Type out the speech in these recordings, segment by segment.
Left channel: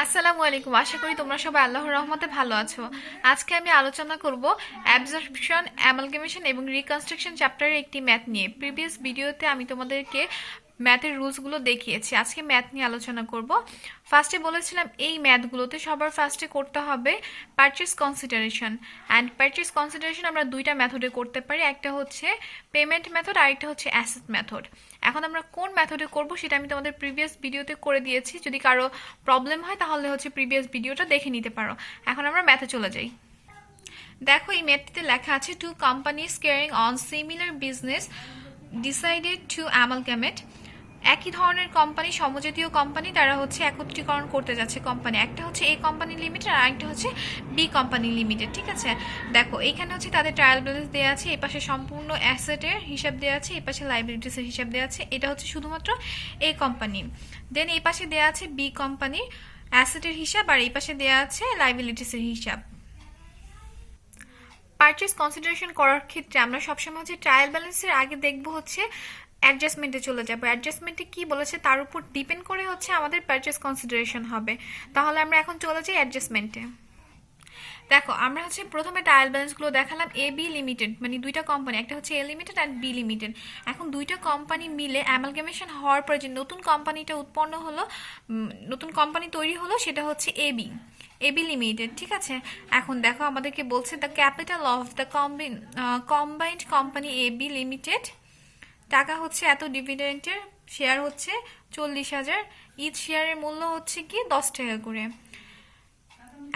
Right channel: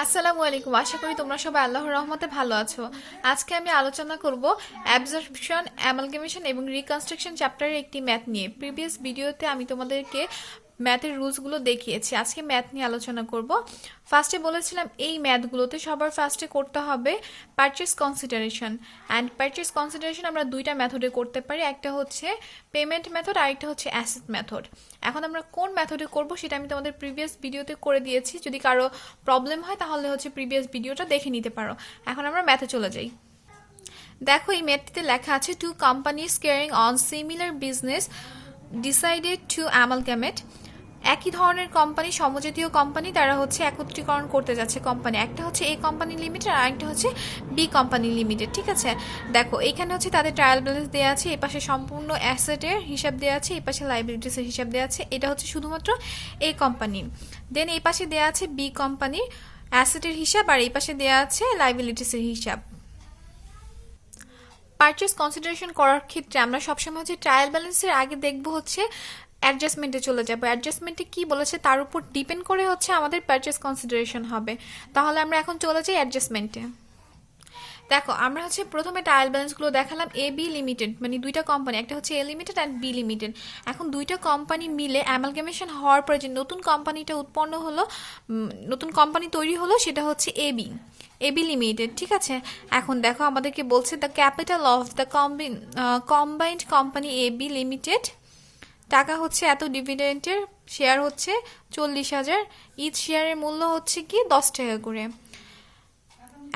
আসসালামু আলাইকুম। আশা করি তোমরা সবাই আল্লাহর রহমতে ভালো আছো। আজকে আমি আলোচনা করব অ্যাবজর্পশন, অ্যামালগামেশন এবং রিকনস্ট্রাকশন চ্যাপ্টারের একটি ম্যাথ নিয়ে। প্রিভিয়াস ভিডিওতে আমি তোমাদেরকে ম্যাথের রুলসগুলো দেখিয়েছি। আজকে ম্যাথ নিয়ে আলোচনা করব। ফার্স্টে বলেছিলাম এই ম্যাথগুলোতে সবার ফার্স্টে করতে হবে purchase consideration. And purchase consideration আমরা দুইটা মেথডে করতে পারি, একটা হচ্ছে পেমেন্ট মেথড আর একটা হচ্ছে অ্যাসেট মেথড। এখন আমরা কোন মেথডে করব সেটা আমি তোমাদের প্রিভিয়াস ভিডিওতে করে দিয়েছি। যদি কারো প্রবলেম হয় তাহলে হচ্ছে প্রিভিয়াস ভিডিওটা দেখে নিতে পারো। এখন আমরা ম্যাথে চলে যাই। দেখো এই ম্যাথটিতে লেখা আছে two companies carrying on similar business decided to amalgamate. একই ধরনের কোম্পানি, সমজাতীয় কোম্পানি, তারা হচ্ছে একত্রীকরণ করতে যাচ্ছে কোম্পানি। একটা হচ্ছে এ কোম্পানি লিমিটেড আর একটা হচ্ছে বি কোম্পানি লিমিটেড। ঠিক আছে, দেখো এইখানে হচ্ছে তাদের ট্রায়াল ব্যালেন্স দেওয়া আছে, এ পাশে সম্পূর্ণ অ্যাসেটের হিসাব দেওয়া আছে, এ পাশে লাইবিলিটিসের হিসাব দেওয়া আছে। এটা হচ্ছে শুধুমাত্র এ কোম্পানি। দেন এই পাশে দেওয়া আছে বি কোম্পানি অ্যাসেটের হিসাব, আর এই পাশে দেওয়া আছে লাইবিলিটিসের হিসাব। পারচেস কনসিডারেশন করার ক্ষেত্রে আমরা সবসময় হচ্ছে ট্রায়াল ব্যালেন্সের আগে দেখব হচ্ছে অ্যাডজাস্টমেন্টে চলে যাবো। অ্যাডজাস্টমেন্টে কি বলেছে তার উপর ডিপেন্ড করে হচ্ছে আমাদের পারচেস কনসিডারেশন হবে। তাহলে আমরা এখন চলে যাই অ্যাডজাস্টমেন্টে। দেখো আমরা হচ্ছে প্রথমে ট্রায়াল ব্যালেন্সগুলো দেখালাম এ বি লিমিটেড, মানে দুইটা কোম্পানি, একটা হচ্ছে A limited and B limited. এখন দুইটা কোম্পানি মিলে অ্যামালগামেশন হওয়ার পর যে নতুন কোম্পানিটা উৎপন্ন হলো, নতুন কোম্পানি তৈরি হলো, সেটা হচ্ছে এবি লিমিটেড। ঠিক আছে, এখন দেখো আমাদেরকে বলছে the capital of the combined company AB limited টাকা হচ্ছে এত, ডিভিডেন্টের শেয়ার হচ্ছে 40,000, ইচ শেয়ারের মূল্য হচ্ছে কি 10 টাকা করে।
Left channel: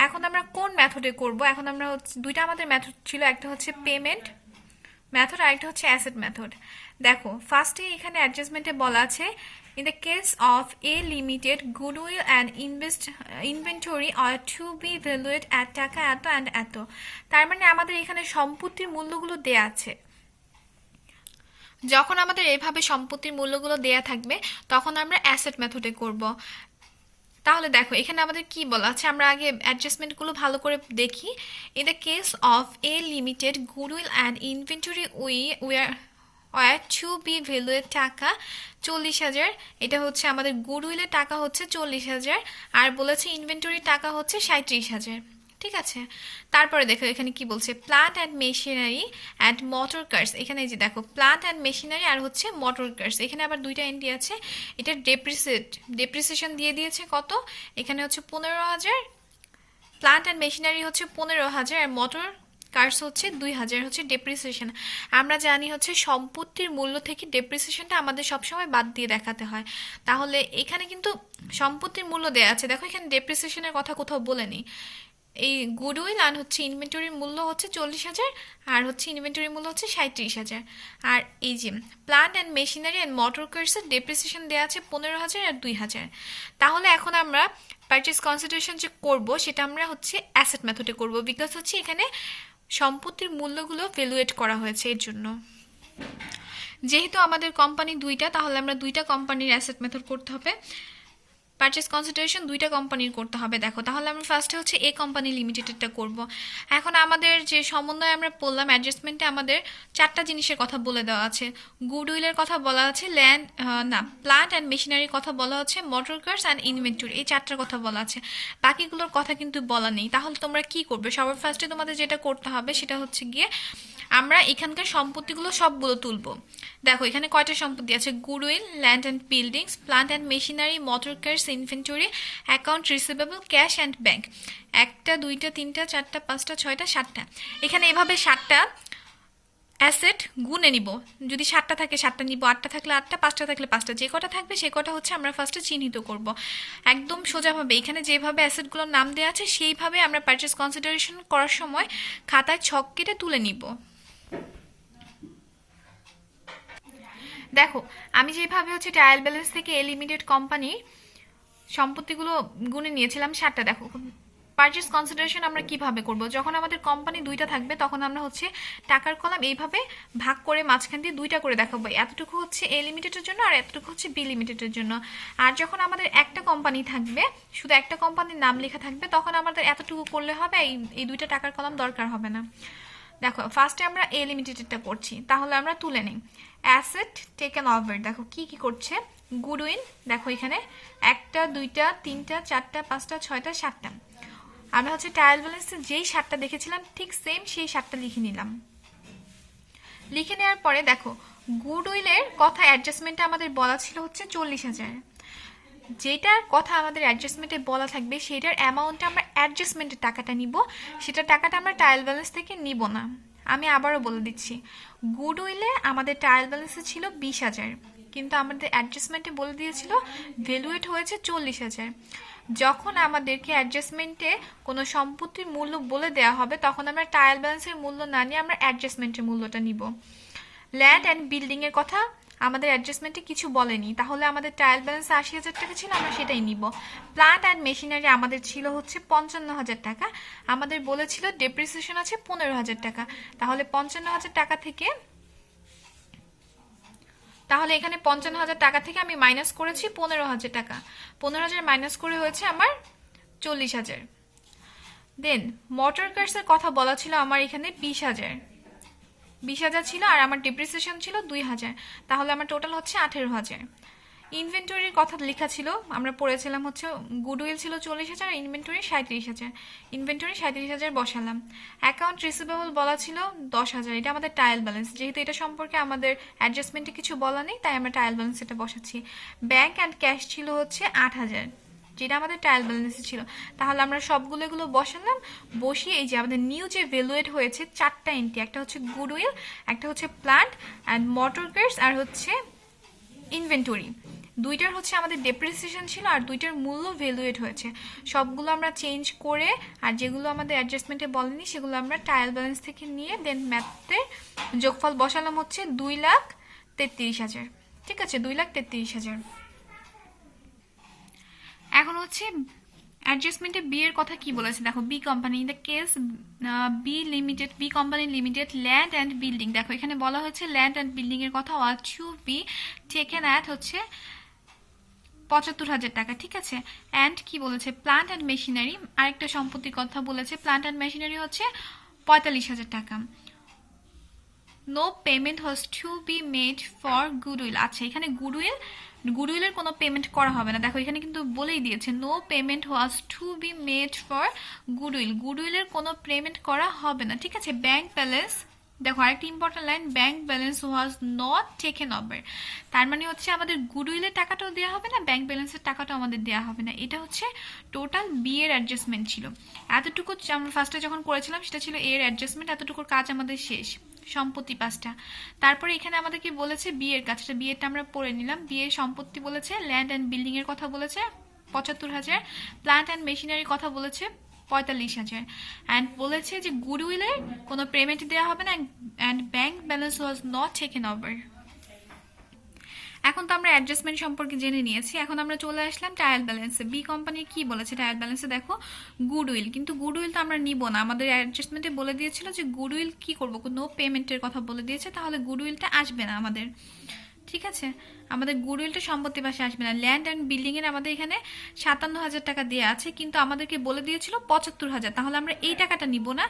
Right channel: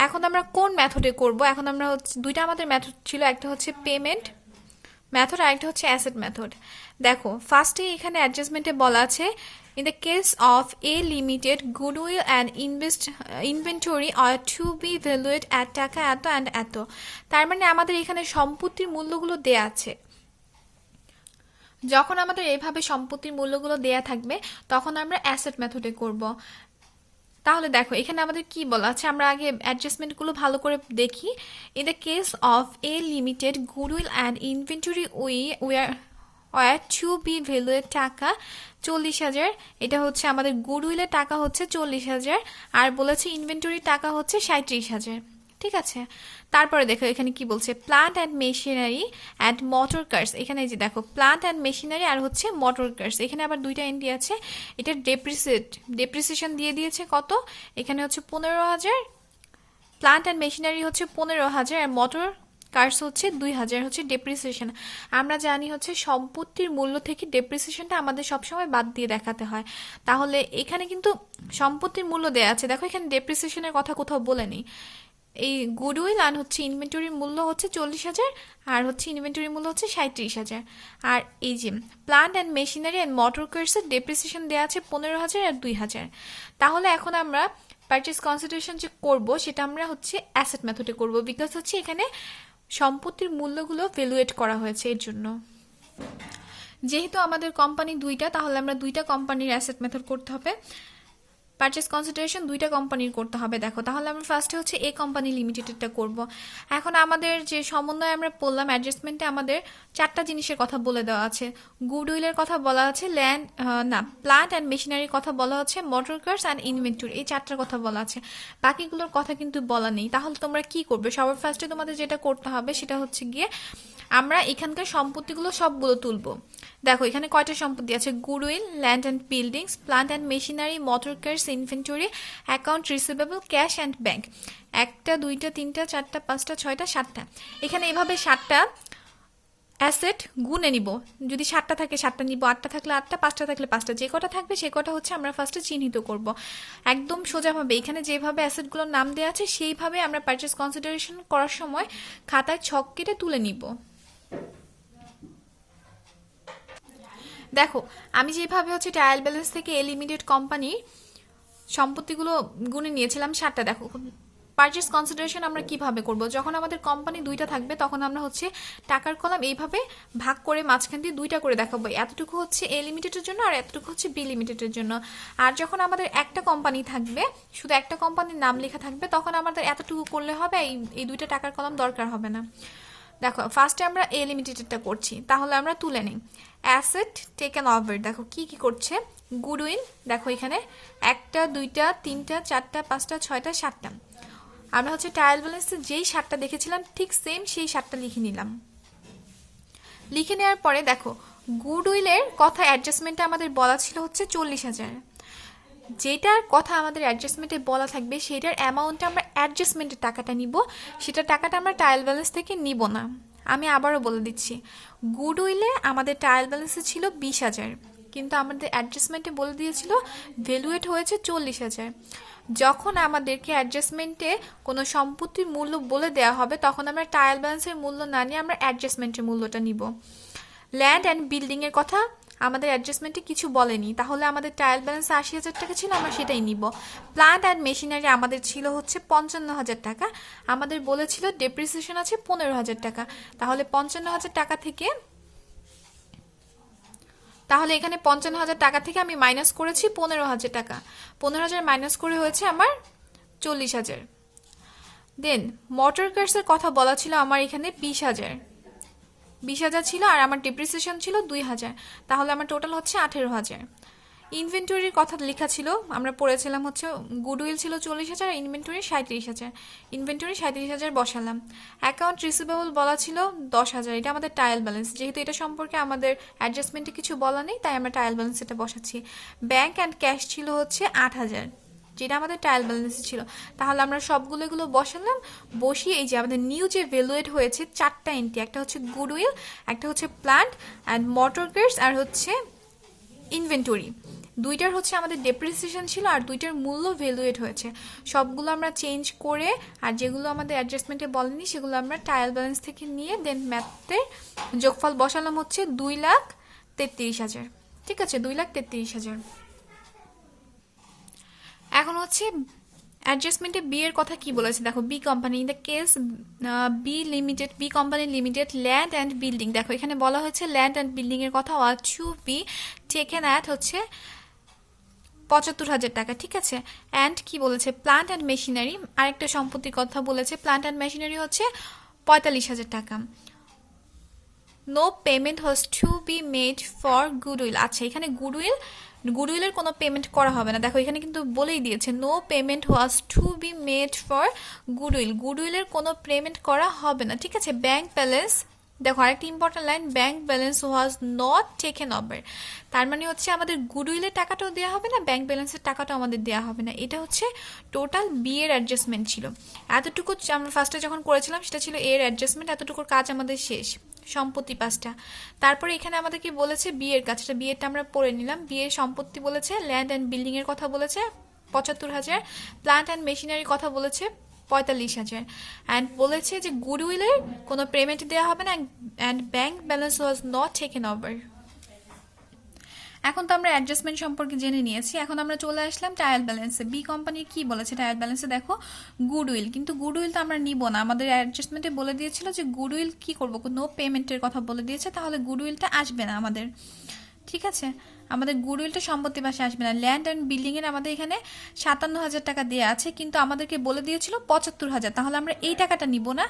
এখন আমরা কোন মেথডে করব? এখন আমরা হচ্ছে দুইটা আমাদের মেথড ছিল, একটা হচ্ছে পেমেন্ট মেথড আর একটা হচ্ছে অ্যাসেট মেথড। দেখো ফার্স্টে এখানে অ্যাডজাস্টমেন্টে বলা আছে in the case of a limited goodwill and inventory are to be valued at টাকা এত অ্যান্ড এত। তার মানে আমাদের এখানে সম্পত্তির মূল্যগুলো দেয়া আছে। যখন আমাদের এভাবে সম্পত্তির মূল্যগুলো দেয়া থাকবে তখন আমরা অ্যাসেট মেথডে করব। তাহলে দেখো এখানে আমাদের কি বলা আছে, আমরা আগে অ্যাডজাস্টমেন্টগুলো ভালো করে দেখি। In the case of a limited goodwill and inventory were to be valued টাকা 40,000, এটা হচ্ছে আমাদের গুডউইলের টাকা হচ্ছে 40,000, আর বলেছে ইনভেন্টরির টাকা হচ্ছে 37,000। ঠিক আছে, তারপরে দেখো এখানে কি বলছে, plant and machinery and motor cars. এখানে এই যে দেখো প্লান্ট অ্যান্ড মেশিনারি আর হচ্ছে মোটর কার্স, এখানে আবার দুইটা এন্ট্রি আছে। এটা ডেপ্রিসিয়েশন দিয়ে দিয়েছে কত, এখানে হচ্ছে 15,000, প্লান্ট অ্যান্ড মেশিনারি হচ্ছে 15,000 আর মোটর কার্স হচ্ছে 2,000 হচ্ছে ডেপ্রিসিয়েশন। আমরা জানি হচ্ছে সম্পত্তির মূল্য থেকে ডেপ্রিসিয়েশনটা আমাদের সবসময় বাদ দিয়ে দেখাতে হয়। তাহলে এখানে কিন্তু সম্পত্তির মূল্য দেওয়া আছে, দেখো এখানে ডেপ্রিসিয়েশনের কথা কোথাও বলে নেই। এই গুডউইল আর হচ্ছে ইনভেন্টরির মূল্য হচ্ছে 40,000 আর হচ্ছে ইনভেন্টরির মূল্য হচ্ছে 37,000। আর এই যে plant and machinery and motor কার্সের ডেপ্রিসিয়েশন দেওয়া আছে 15,000 আর 2,000। তাহলে এখন আমরা পারচেস কনসিডারেশন যে করব সেটা আমরা হচ্ছে অ্যাসেট মেথডে করব, বিকজ হচ্ছে এখানে সম্পত্তির মূল্যগুলো ভ্যালুয়েট করা হয়েছে এর জন্য। যেহেতু আমাদের কোম্পানি দুইটা, তাহলে আমরা দুইটা কোম্পানির অ্যাসেট মেথড করতে হবে। পারচেস কনসিডারেশন দুইটা কোম্পানির করতে হবে। দেখো তাহলে আমরা ফার্স্টে হচ্ছে এ কোম্পানি লিমিটেডটা করব। এখন আমাদের যে সমন্বয় আমরা পড়লাম অ্যাডজাস্টমেন্টে, আমাদের চারটা জিনিসের কথা বলে দেওয়া আছে। গুডউইলের কথা বলা আছে, প্লান্ট অ্যান্ড মেশিনারির কথা বলা হচ্ছে, মোটর কার্স অ্যান্ড ইনভেন্টরি, এই চারটার কথা বলা আছে। বাকিগুলোর কথা কিন্তু বলা নেই। তাহলে তোমরা কি করবে? সবার ফার্স্টে তোমাদের যেটা করতে হবে সেটা হচ্ছে গিয়ে আমরা এখানকার সম্পত্তিগুলো সবগুলো তুলব। দেখো এখানে কয়টা সম্পত্তি আছে, goodwill, land and buildings, plant and machinery, motor cars, inventory, account receivable, cash and bank. একটা, দুইটা, তিনটা, চারটা, পাঁচটা, ছয়টা, সাতটা। এখানে এভাবে সাতটা অ্যাসেট গুনে নিব। যদি সাতটা থাকে সাতটা নিব, আটটা থাকলে আটটা, পাঁচটা থাকলে পাঁচটা, যে কটা থাকবে সে কটা হচ্ছে আমরা ফার্স্টে চিহ্নিত করব। একদম সোজাভাবে এখানে যেভাবে অ্যাসেটগুলোর নাম দেওয়া আছে সেইভাবে আমরা পারচেস কনসিডারেশন করার সময় খাতায় ছক কেটে তুলে নিব। দেখো আমি যেভাবে হচ্ছে ট্রায়াল ব্যালেন্স থেকে এ লিমিটেড কোম্পানি সম্পত্তিগুলো গুনে নিয়েছিলাম সাতটা। দেখো পারচেস কনসিডারেশন আমরা কিভাবে করব, যখন আমাদের কোম্পানি দুইটা থাকবে তখন আমরা হচ্ছে টাকার কলাম এইভাবে ভাগ করে মাঝখান দিয়ে দুইটা করে দেখাবো, এতটুকু হচ্ছে এ লিমিটেডের জন্য আর এতটুকু হচ্ছে বি লিমিটেডের জন্য। আর যখন আমাদের একটা কোম্পানি থাকবে, শুধু একটা কোম্পানির নাম লেখা থাকবে, তখন আমাদের এতটুকু করলে হবে, এই দুইটা টাকার কলাম দরকার হবে না। দেখো ফার্স্টে আমরা এ লিমিটেডটা করছি, তাহলে আমরা তুলে নিই। অ্যাসেট টেকেন ওভার, দেখো কি কি করছে। গুডউইল, দেখো এখানে 1টা 2টা 3টা 4টা 5টা 6টা 7টা। আমরা হচ্ছে ট্রায়াল ব্যালেন্সে যেই 7টা দেখেছিলাম ঠিক সেম সেই 7টা লিখে নিলাম। লিখে নেওয়ার পরে দেখো গুডউইলের কথা অ্যাডজাস্টমেন্টে আমাদের বলা ছিল হচ্ছে 40,000। যেটার কথা আমাদের অ্যাডজাস্টমেন্টে বলা থাকবে সেটার অ্যামাউন্টটা আমরা অ্যাডজাস্টমেন্টের টাকাটা নিব, সেটার টাকাটা আমরা ট্রায়াল ব্যালেন্স থেকে নিব না। আমি আবারও বলে দিচ্ছি, গুডউইলে আমাদের ট্রায়াল ব্যালেন্সে ছিল 20,000, কিন্তু আমাদের অ্যাডজাস্টমেন্টে বলে দিয়েছিল ভ্যালুয়েট হয়েছে 40,000। যখন আমাদেরকে অ্যাডজাস্টমেন্টে কোনো সম্পত্তির মূল্য বলে দেওয়া হবে তখন আমরা ট্রায়াল ব্যালেন্সের মূল্য না নিয়ে আমরা অ্যাডজাস্টমেন্টের মূল্যটা নিব। ল্যান্ড অ্যান্ড বিল্ডিংয়ের কথা আমাদের অ্যাডজাস্টমেন্টে কিছু বলেনি, তাহলে আমাদের ট্রায়াল ব্যালেন্স 80,000 টাকা ছিল, আমরা সেটাই নিব। প্ল্যান্ট অ্যান্ড মেশিনারি আমাদের ছিল হচ্ছে 55,000 টাকা, আমাদের বলেছিল ডেপ্রিসিয়েশন আছে 15,000 টাকা, তাহলে 55,000 টাকা থেকে, তাহলে এখানে 55,000 টাকা থেকে আমি মাইনাস করেছি 15,000 টাকা, 15,000 মাইনাস করে হয়েছে আমার 40,000। দেন মোটর কার্সের কথা বলা ছিল আমার এখানে 20,000 ছিল, আর আমার ডেপ্রিসিয়েশন ছিল 2,000, তাহলে আমার টোটাল হচ্ছে 18,000। ইনভেন্টরির কথা লেখা ছিল, আমরা পড়েছিলাম হচ্ছে গুডউইল ছিল 40,000, ইনভেন্টরি 37,000, ইনভেন্টরি 37,000 বসালাম। অ্যাকাউন্ট রিসিভেবল বলা ছিল 10,000, এটা আমাদের ট্রায়াল ব্যালেন্স, যেহেতু এটা সম্পর্কে আমাদের অ্যাডজাস্টমেন্টে কিছু বলা নেই তাই আমরা ট্রায়াল ব্যালেন্স এটা বসাচ্ছি। ব্যাংক অ্যান্ড ক্যাশ ছিল হচ্ছে 8,000, যেটা আমাদের ট্রায়াল ব্যালেন্সে ছিল, তাহলে আমরা সবগুলো এগুলো বসালাম। বসিয়ে এই যে আমাদের নিউ যে ভ্যালুয়েট হয়েছে 4টা এন্ট্রি, একটা হচ্ছে গুডউইল, একটা হচ্ছে প্ল্যান্ট অ্যান্ড মোটর কার্স, আর হচ্ছে ইনভেন্টরি। দুইটার হচ্ছে আমাদের ডেপ্রিসিয়েশন ছিল আর দুইটার মূল্য ভ্যালুয়েট হয়েছে, সবগুলো আমরা চেঞ্জ করে আর যেগুলো আমাদের অ্যাডজাস্টমেন্টে বলেনি সেগুলো আমরা ট্রায়াল ব্যালেন্স থেকে নিয়ে দেন ম্যাথের যোগফল বসালাম হচ্ছে 2,33,000। ঠিক আছে, 2,33,000। এখন হচ্ছে অ্যাডজাস্টমেন্টে বি এর কথা কি বলেছে, দেখো B company, in the case B company limited land and building, দেখো এখানে বলা হয়েছে ল্যান্ড অ্যান্ড বিল্ডিং এর কথা was to be taken at হচ্ছে 75,000 টাকা। ঠিক আছে, অ্যান্ড কি বলেছে প্ল্যান্ট অ্যান্ড মেশিনারি, আরেকটা সম্পত্তির কথা বলেছে, প্ল্যান্ট অ্যান্ড মেশিনারি হচ্ছে 45,000 টাকা। No payment was to be made for goodwill, আচ্ছা এখানে গুডউইলের কোনো পেমেন্ট করা হবে না, দেখো এখানে কিন্তু বলেই দিয়েছে no payment was to be made for গুডউইলের কোনো পেমেন্ট করা হবে না। ঠিক আছে, ব্যাংক ব্যালেন্স, দেখো আরেকটি important line, bank balance was not taken over, তার মানে হচ্ছে আমাদের গুডউইলের টাকাটাও দেওয়া হবে না, ব্যাংক ব্যালেন্সের টাকাটাও আমাদের দেওয়া হবে না। এটা হচ্ছে টোটাল বি এর অ্যাডজাস্টমেন্ট ছিল। এতটুকু আমরা ফার্স্টে যখন করেছিলাম সেটা ছিল এর অ্যাডজাস্টমেন্ট, এতটুকুর কাজ আমাদের শেষ, সম্পত্তি 5টা। তারপরে এখানে আমাদের কি বলেছে বি এর কাজটা, বি এরটা আমরা পড়ে নিলাম। বি এর সম্পত্তি বলেছে ল্যান্ড অ্যান্ড বিল্ডিং এর কথা বলেছে 75,000, প্ল্যান্ট অ্যান্ড মেশিনারির কথা বলেছে 45,000, অ্যান্ড বলেছে যে গুডউইলের কোনো পেমেন্ট দেওয়া হবে না, and bank balance was not taken over. এখন তো আমরা অ্যাডজাস্টমেন্ট সম্পর্কে জেনে নিয়েছি, এখন আমরা চলে আসলাম ট্রায়াল ব্যালেন্সে। বি কোম্পানির কি বলেছে ট্রায়াল ব্যালেন্সে, দেখো গুডউইল, কিন্তু গুডউইল তো আমরা নিব না, আমাদের অ্যাডজাস্টমেন্টে বলে দিয়েছিল যে গুডউইল কি করবো, নো পেমেন্টের কথা বলে দিয়েছে, তাহলে গুডউইলটা আসবে না আমাদের। ঠিক আছে, আমাদের গুডউইলটা সম্পত্তি পাশে আসবে না। ল্যান্ড অ্যান্ড বিল্ডিং এর আমাদের এখানে 57,000 টাকা দেওয়া আছে, কিন্তু আমাদেরকে বলে দিয়েছিল 75,000, তাহলে আমরা এই টাকাটা নিব না।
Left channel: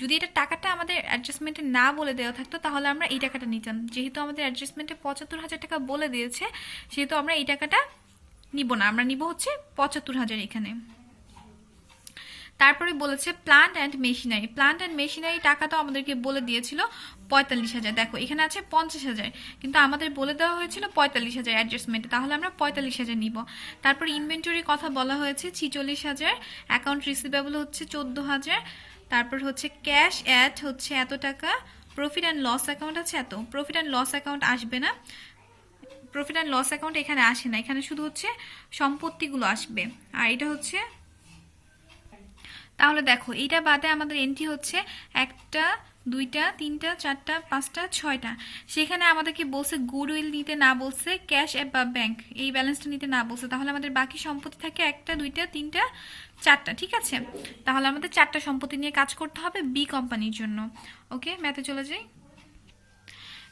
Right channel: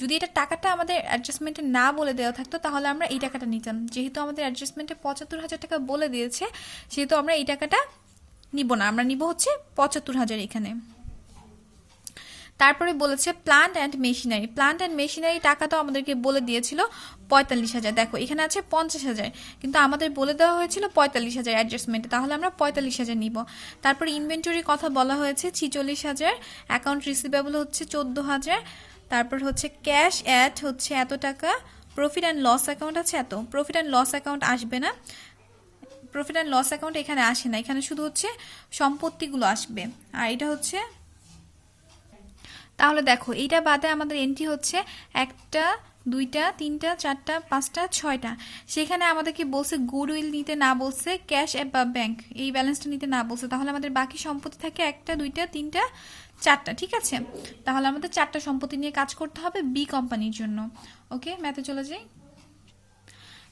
যদি এটা টাকাটা আমাদের অ্যাডজাস্টমেন্টে না বলে দেওয়া থাকতো তাহলে আমরা এই টাকাটা নিতাম, যেহেতু আমাদের অ্যাডজাস্টমেন্টে 75,000 টাকা বলে দিয়েছে সেহেতু আমরা এই টাকাটা নিব না, আমরা নিব হচ্ছে 75,000 এখানে। তারপরে বলেছে প্ল্যান্ট অ্যান্ড মেশিনারি টাকাটাও আমাদেরকে বলে দিয়েছিল 45,000, দেখো এখানে আছে 50,000, কিন্তু আমাদের বলে দেওয়া হয়েছিল 45,000 অ্যাডজাস্টমেন্টে, তাহলে আমরা 45,000 নিব। তারপর ইনভেন্টরির কথা বলা হয়েছে 46,000, অ্যাকাউন্ট রিসিভেবল হচ্ছে 14,000, তারপর হচ্ছে ক্যাশ অ্যাট হচ্ছে এত টাকা, প্রফিট অ্যান্ড লস অ্যাকাউন্ট আছে এত, প্রফিট অ্যান্ড লস অ্যাকাউন্ট আসবে না, প্রফিট অ্যান্ড লস অ্যাকাউন্ট এখানে আসে না, এখানে শুধু হচ্ছে সম্পত্তিগুলো আসবে। আর এটা হচ্ছে, তাহলে দেখো এইটা বাদে আমাদের এন্ট্রি হচ্ছে 1টা 2টা 3টা 4টা 5টা 6টা, সেখানে আমাদেরকে বলছে গুডউইল নিতে না বলছে, ক্যাশ বা ব্যাংক এই ব্যালেন্সটা নিতে না বলছে, তাহলে আমাদের বাকি সম্পত্তি থাকে 1টা 2টা 3টা 4টা। ঠিক আছে, তাহলে আমাদের 4টা সম্পত্তি নিয়ে কাজ করতে হবে বি কোম্পানির জন্য। ওকে, ম্যাথে চলে যাই।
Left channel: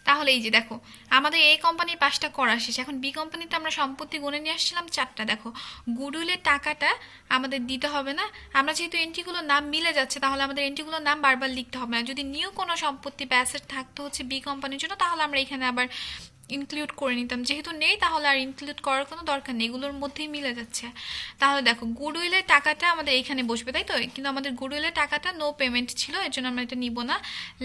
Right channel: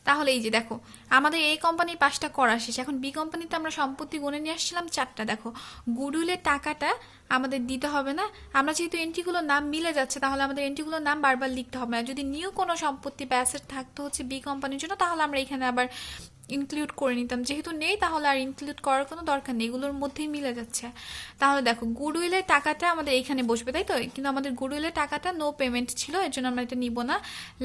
তাহলে এই যে দেখো আমাদের এই কোম্পানির 5টা করা শেষ। এখন বি কোম্পানিতে আমরা সম্পত্তি গুনে নিয়ে আসছিলাম 4টা। দেখো গুডউইলের টাকাটা আমাদের দিতে হবে না। আমরা যেহেতু এন্ট্রিগুলোর নাম মিলে যাচ্ছে তাহলে আমাদের এন্ট্রিগুলোর নাম বারবার লিখতে হবে না। যদি নিউ কোনো সম্পত্তি বা অ্যাসেট থাকতো হচ্ছে বি কোম্পানির জন্য তাহলে আমরা এখানে আবার ইনক্লুড করে নিতাম। যেহেতু নেই তাহলে আর ইনক্লুড করার কোনো দরকার নেই, এগুলোর মধ্যেই মিলে যাচ্ছে। তাহলে দেখো গুডউইলের টাকাটা আমাদের এখানে বসবে, তাই তো? কিন্তু আমাদের গুডউইলের টাকাটা নো পেমেন্ট ছিল, এর জন্য আমরা এটা নিব না।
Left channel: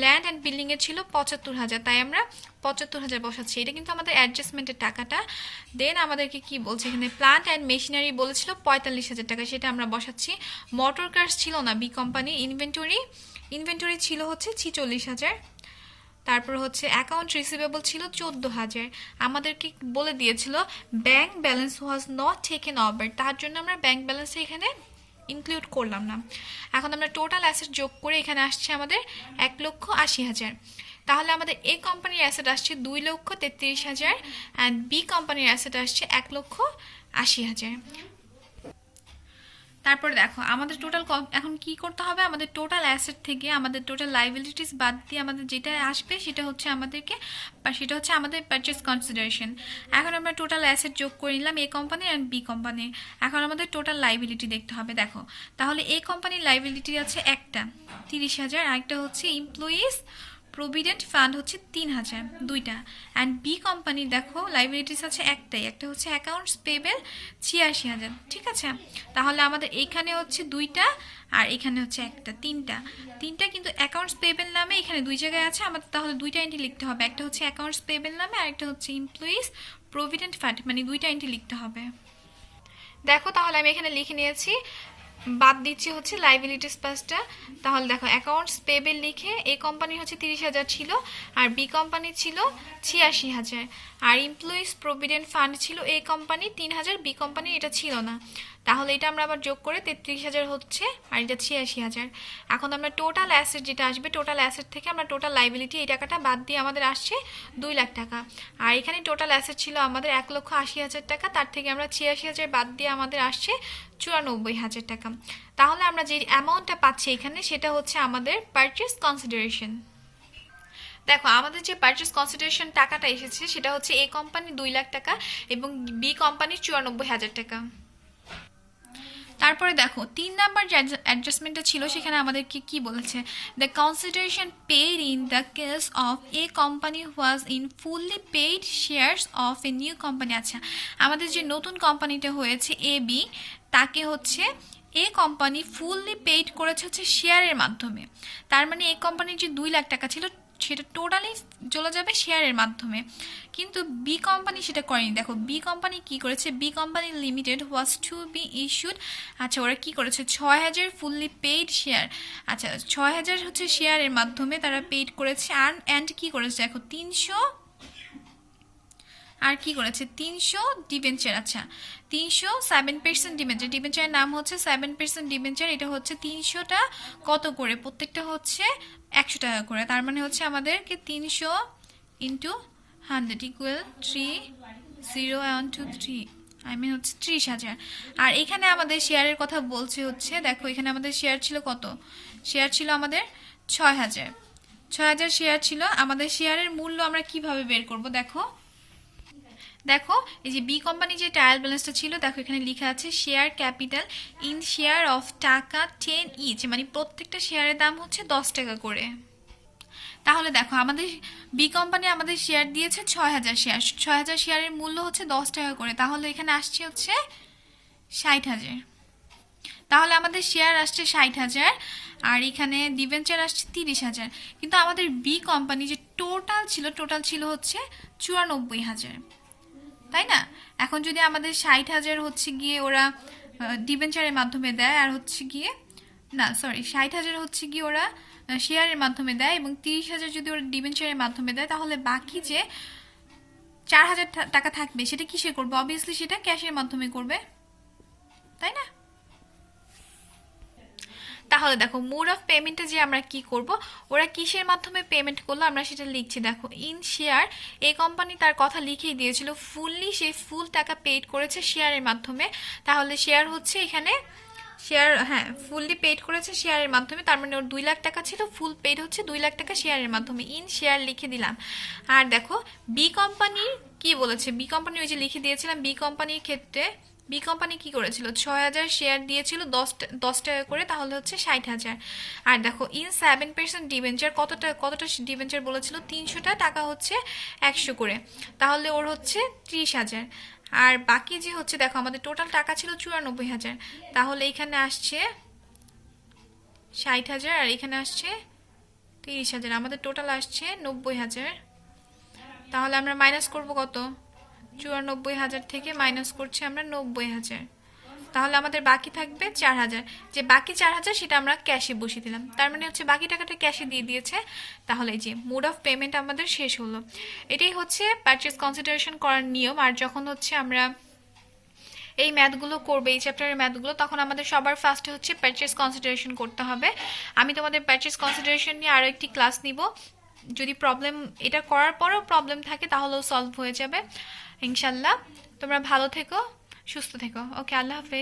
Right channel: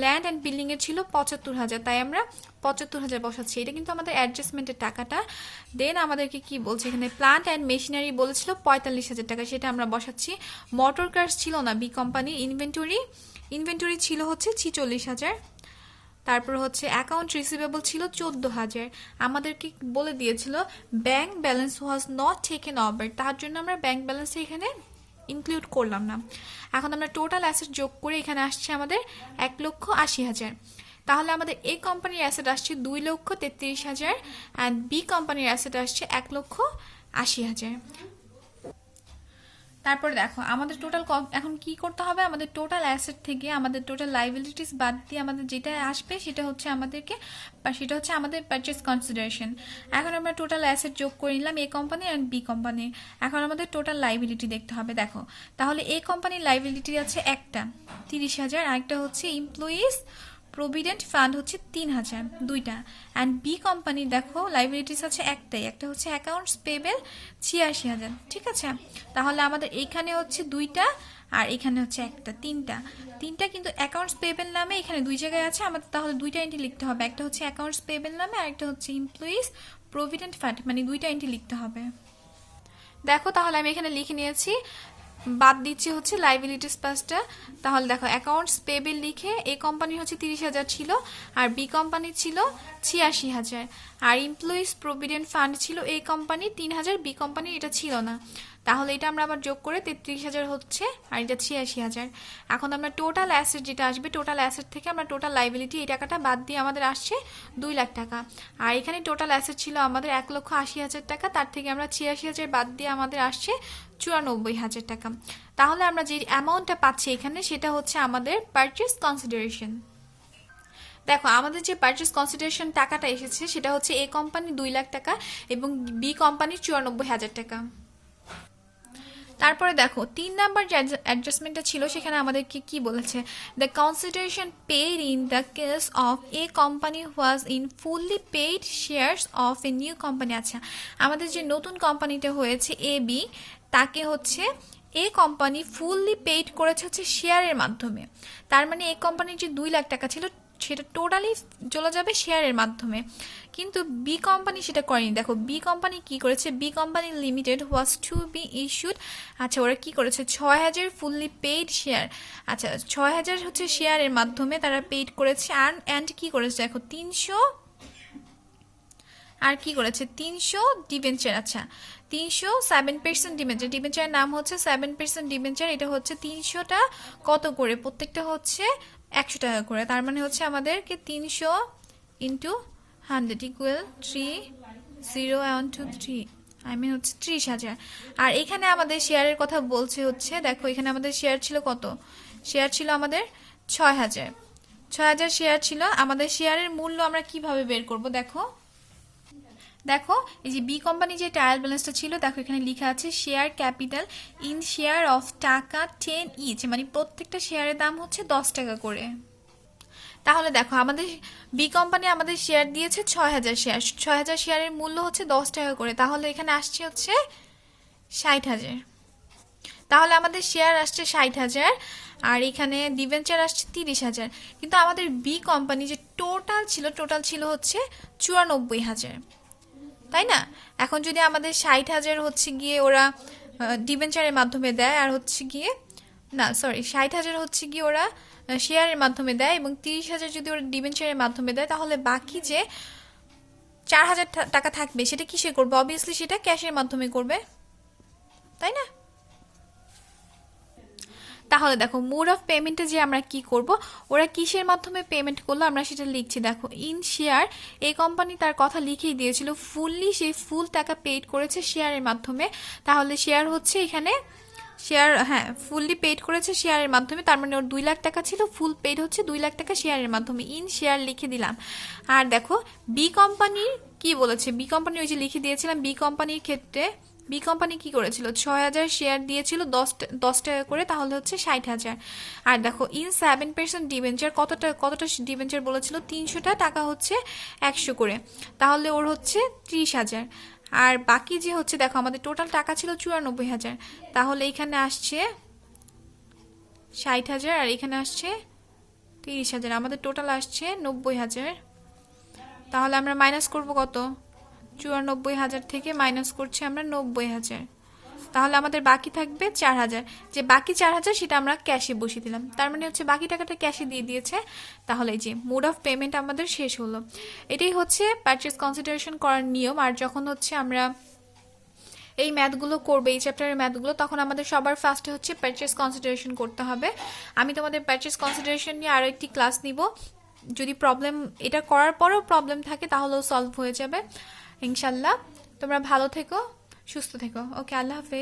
ল্যান্ড অ্যান্ড বিল্ডিংয়ে ছিল 75,000, তাই আমরা 75,000 বসাচ্ছি। এটা কিন্তু আমাদের অ্যাডজাস্টমেন্টের টাকাটা। দেন আমাদেরকে কি বলছে এখানে, প্লান্ট অ্যান্ড মেশিনারি বলেছিল 45,000 টাকা, সেটা আমরা বসাচ্ছি। মোটর কার্স ছিল না বি কোম্পানি। ইনভেন্টরি ছিল হচ্ছে 46,000। তারপর হচ্ছে অ্যাকাউন্ট রিসিভেবল ছিল 14,000। আমাদেরকে বলে দিয়েছিল bank balance was not taken over, তার জন্য আমরা ব্যাংক ব্যালেন্স এখানে ইনক্লুড করলাম না। এখন আমরা টোটাল অ্যাসেট যোগ করে এখানে আসছে আমাদের 1,80,000। তাহলে আমাদের এ কোম্পানির অ্যাসেট আসছে 2,33,000 অ্যান্ড বি কোম্পানির অ্যাসেট আসছে 1,80,000। তারপর দেখো আমাদের টোটাল এখন কি করতে হবে, আমাদের টোটাল অ্যাসেট থেকে আমাদের টোটাল লাইবিলিটিস বাদ দিয়ে আমাদের যেটা আসবে সেটা হচ্ছে আমাদের পারচেস কনসিডারেশন। এখন আমরা টোটাল অ্যাসেট যোগ করে নিলাম a company and B company. এখন আমাদের টোটাল লাইবিলিটি দেখতে হবে। দেখো তাহলে এ কোম্পানির লাইবিলিটি আছে একটা 30,000, আরেকটা হচ্ছে এমপ্লয়িজ প্রভিডেন্ট ফান্ড হচ্ছে 3,000, দুইটা। অ্যান্ড বি কোম্পানির দেখো লাইবিলিটিস আছে একটাই, একটা হচ্ছে অ্যাকাউন্টস পেবেল 86,000। ঠিক আছে, তাহলে আমাদের এইখানে হচ্ছে দুইটা আর এখানে হচ্ছে একটা, তিনটা কিন্তু অ্যাকাউন্টস পেবেল নামে এখানে দুই জায়গায় আছে। আমাদের তাহলে দুইটা এন্ট্রি লিখতে হবে, একটা হচ্ছে অ্যাকাউন্টস পেবেল নামে আর একটা হচ্ছে এমপ্লয়িজ প্রভিডেন্ট ফান্ড, মানে দুইটা এন্ট্রি লিখতে হবে। দেখো তাহলে আমি এখানে লিখে নিয়েছি, বাদ দিচ্ছি হচ্ছে লাইবিলিটিস পাঁচটা। তাহলে দেখো অ্যাকাউন্টস পেবেল লিখে এ কোম্পানি হচ্ছে 30,000 ছিল আর বি কোম্পানি ছিল 86,000, আর এমপ্লয়িজ প্রভিডেন্ট ফান্ড ছিল এ কোম্পানি 3,000, বি কোম্পানি এটা ছিল না। তাহলে এটা আমরা আবার যোগ করে 33,000 হচ্ছে আর এটা 86,000। এখন আমরা টোটাল অ্যাসেট যেটা আসবে, টোটাল অ্যাসেট থেকে আমরা টোটাল লাইবিলিটি এই টাকাটা বাদ দিয়ে আমাদের আসছে 2 লাখ টাকা। আর এখানে টোটাল অ্যাসেট ছিল আমাদের 1,80,000 টাকা, তার থেকে আমরা 86,000 বাদ দিয়ে আমাদের আসছে 94,000 টাকা। তাহলে আমরা যে অ্যামাউন্টটা পাচ্ছি এখানে সেটা হচ্ছে আমাদের পারচেস কনসিডারেশন। দেখো আমাদের যে পারচেস কনসিডারেশন টাকাটা এসেছে সেটা হচ্ছে এ কোম্পানি 2 লাখ টাকা এবং বি কোম্পানি 94,000 টাকা। তারপরে দেখো 3 নাম্বার যে অ্যাডজাস্টমেন্টটা ছিল সেখানে আমাদেরকে কি বলেছে, the consideration paid in the case of A company was in fully paid shares of a new company. আচ্ছা, আমাদের যে নতুন কোম্পানিটা হয়েছে এ বি, তাকে হচ্ছে এ কোম্পানি ফুললি পেইড করেছে হচ্ছে শেয়ারের মাধ্যমে। তার মানে এ কোম্পানির যে 2 লাখ টাকা ছিল সেটা টোটালি চলে যাবে শেয়ারের মাধ্যমে, কিন্তু বি কোম্পানি সেটা করেনি। দেখো বি কোম্পানি কি করেছে, B company limited was to be issued. আচ্ছা, ওরা কি করেছে 6,000 ফুললি পেইড শেয়ার। আচ্ছা 6,000 হচ্ছে শেয়ারের মাধ্যমে তারা পেইড করেছে। অ্যান্ড কি করেছে দেখো 300, আর কি করেছে 300 ডিবেঞ্চার। আচ্ছা 307% ডিবেঞ্চার, ডিবেঞ্চারের নাম হচ্ছে 7% ডিবেঞ্চার। এটা হচ্ছে 300টা কত করে, প্রত্যেকটা হচ্ছে 100 টাকা করে। তার মানে হচ্ছে আমাদেরকে 300 ইন্টু 100 ইকুয়াল 30123, আই মিন হচ্ছে 30,000। আর এখানে আমাদের শেয়ারের কথা বলছে হচ্ছে, দেখো এখানে আমাদের শেয়ার ছিল কত, শেয়ার ছিল আমাদের 6,000 শেয়ার ছিল। আমাদের শেয়ারের মূল্য আমরা কিভাবে বের করব, দেখো এই যে বি কোম্পানি যে ট্রায়াল ব্যালেন্সটা ছিল, দেখো এখানে লেখা আছে share capital in share of টাকা 10 ইচ, মানে প্রত্যেকটা শেয়ারের দাম হচ্ছে 10 টাকা করে। তাহলে দেখো আমাদের বি কোম্পানি আমাদের শেয়ার দিয়েছে 6,000 শেয়ার, 6,000 শেয়ারের মূল্য হচ্ছে 10 টাকা করে। তাহলে এখানে আসছে হচ্ছে 60,000। তাহলে আমাদের শেয়ার আসছে 60,000 আর এখানে ডিবেঞ্চার আসছে 30,000। কিন্তু আমাদের বি কোম্পানি যে টোটাল ছিল হচ্ছে 94,000, তাই না? এখন যদি আমাদের 60,000 হচ্ছে গিয়ে ওরা ডিবেঞ্চারের মাধ্যমে দেয়, আর হচ্ছে গিয়ে 60,000 হচ্ছে গিয়ে ওরা শেয়ারের মাধ্যমে দেয় এবং 30,000 যদি ওরা ডিবেঞ্চারের মাধ্যমে দেয়, তাহলে বাকি যে 4,000 টাকা থাকবে সেটা কিসে করবে? অবভিয়াসলি সেটা ক্যাশের মাধ্যমে করবে, তাই না? তাহলে দেখো মোড অফ পেমেন্টে যে আমরা কি করব, ওরা কিসের মাধ্যমে পেমেন্ট করলো আমরা সেটা লিখছি। দেখো ইন শেয়ার, এই কোম্পানি তার কথা লিখেই দিয়েছিল ফুললি, সেই ফুল টাকা পেইড করেছে শেয়ারের মাধ্যমে। তাহলে শেয়ার হচ্ছে এখানে শেয়ার, হ্যাঁ ফুললি পেড করেছে শেয়ারের মাধ্যমে, তার মানে ওর 2 লাখ টাকা ছিল, ফুল পেড হচ্ছে 2 লাখ টাকা শেয়ারের মাধ্যমে, ইন শেয়ার লিখে দিলাম। আর দেখো বি কোম্পানির কি বলেছে, বি কোম্পানি ওই যে লিখে দিয়েছিলাম, বি কোম্পানির ক্ষেত্রে বি কোম্পানি কি করেছিল, 6,000 শেয়ার দিয়েছিল 10 টাকা করে, তাহলে হচ্ছে 60,000। আর দেখো ইন 7% ডিবেঞ্চার, কতটা ডিবেঞ্চার বলেছিল, 300টা টাকা হচ্ছে 100 করে, তাহলে ওর হচ্ছে 30,000। আর বাকি যে হচ্ছে দেখো আমাদের টোটাল টাকা ছিল 94,000, তাহলে এখানে আসছে 60,000 আর এখানে আসছে 30,000, আমাদের টোটাল আসছে 90,000। তাহলে আমরা মাইনাস করব কত, 94,000 থেকে মাইনাস করছি আমরা 90,000, তাহলে আমাদের বাকি থাকবে 4,000। যে বাকি 4,000 সেটা আমরা ক্যাশে বসিয়ে দিলাম, তার মানে হচ্ছে বাকি টাকাটা ক্যাশে দিয়ে দিয়েছে। তাহলে এই যে মোড অফ পেমেন্ট আমাদের শেষ হলো। এটাই হচ্ছে পারচেজ কনসিডারেশন করার নিয়ম। আর যখন হচ্ছে আমরা এই ম্যাথগুলো করবে, এই চ্যাপ্টারের ম্যাথগুলো, তখন আমাদের সবার ফার্স্টে হচ্ছে পারচেজ কনসিডারেশন করতে হবে। আমি তোমাদের পারচেজ কনসিডারেশন নিয়ে আরও একটি ক্লাস নিব, যদি প্রবলেম এটা করার পরেও প্রবলেম থাকে তাহলেও সলভ হয়ে যাবে ইনশাল্লাহ। তোমরা ভালো থেকো, সুস্থ থেকো। ওকে, আল্লাহ হাফেজ।